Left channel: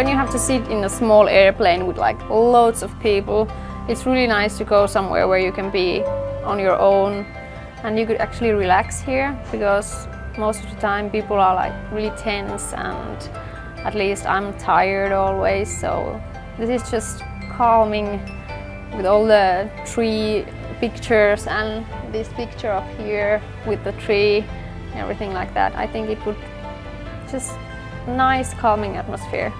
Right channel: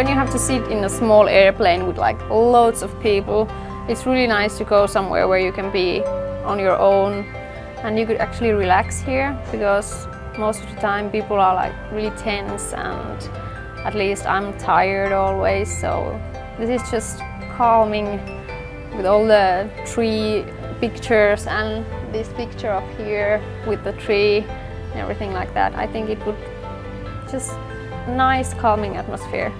when you have to sit in a small airplane with like loads of people, it's really nice to go somewhere where you can be on your own and you could actually relax here, because most of the time people are like really tense, and at least I'm tired always, so this is just calming with all the tree pictures and this picture up here with the tree and everything like that. I think it would just nice calming atmosphere.